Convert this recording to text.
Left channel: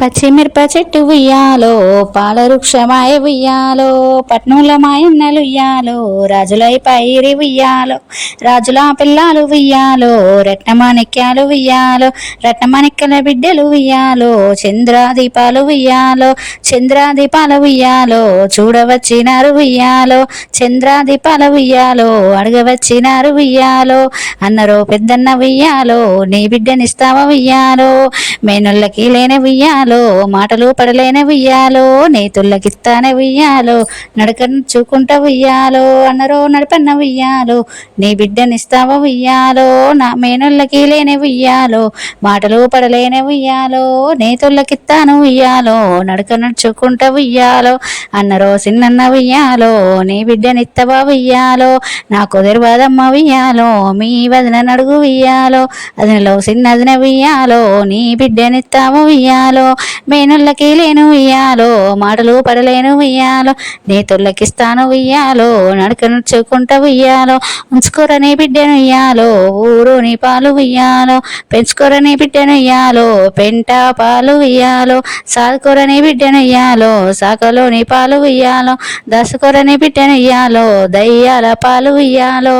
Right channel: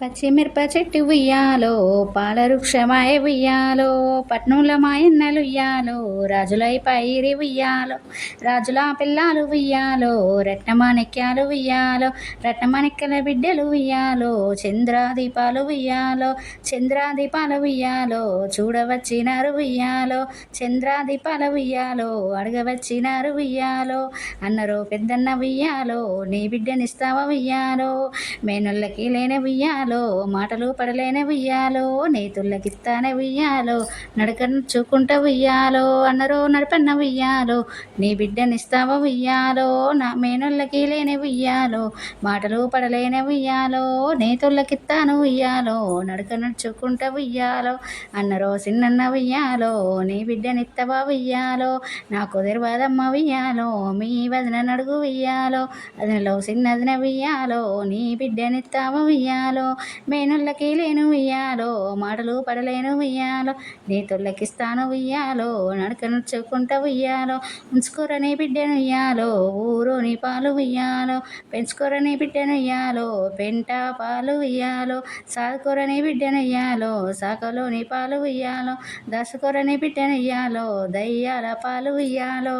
పచ్చిమిరప చెట్టు ఉయ్యాలో, పాల వృక్షమాయ ఉయ్యాలో, పట్నంల మాయన్నలు ఉయ్యాలో, రాజులై పైరి ఉయ్యాలో, రాజుల పిల్లలు ఉయ్యాలో, రత్నమాణిక్యాలు ఉయ్యాలో, రత్నమాణిక్యాల బిడ్డలు ఉయ్యాలో, చంద్రాదీపాలు ఉయ్యాలో, చంద్రాదీపాల ఉయ్యాలో, చూడవచ్చినారు ఉయ్యాలో, చంద్రాదీపాల ఉయ్యాలో, అడగవచ్చినారు ఉయ్యాలో, అన్నరో పెద్దన్న ఉయ్యాలో, నీ బిడ్డనిస్తావా ఉయ్యాలో, మేనొల్లకి లేని ఉయ్యాలో, మాటలు పడలేని ఉయ్యాలో, నేతుల్లకిస్తానే ఉయ్యాలో, నడకను చూకుంటా ఉయ్యాలో, అన్నరో నడపన్న ఉయ్యాలో, నీ బిడ్డనిస్తావా ఉయ్యాలో, నా మేనొల్లకి లేని ఉయ్యాలో, మాటలు పడలేని ఉయ్యాలో, నేతుల్లకిస్తాను ఉయ్యాలో, నడక నడుచుకుంటా ఉయ్యాలో, అన్నరో చిన్నన్న ఉయ్యాలో, నీ బిడ్డనిత్తవా ఉయ్యాలో, నాకు తెరవాదమ్మ ఉయ్యాలో, మీ వదిన నడుగు ఉయ్యాలో, అదినలో చిన్నదిన ఉయ్యాలో, నీ బిడ్డనిస్తావు ఉయ్యాలో, మేనుల్లకి లేను ఉయ్యాలో, మాటలు పడలేను ఉయ్యాలో, నీ తొల్లకిస్తాను ఉయ్యాలో, నడక నడుచుకుంటా ఉయ్యాలో, ఉంచుకోరని బిడ్డను ఉయ్యాలో, ఊరు నీ పాలు ఉయ్యాలో, పెంచుకోరని బిడ్డను ఉయ్యాలో, పెంట పాలు ఉయ్యాలో, సాదుకోరని బిడ్డను ఉయ్యాలో, సాకలో నీ పాలు ఉయ్యాలో, దాసుకోరని బిడ్డను ఉయ్యాలో, దయ్యాల పాలు ఉయ్యాలో.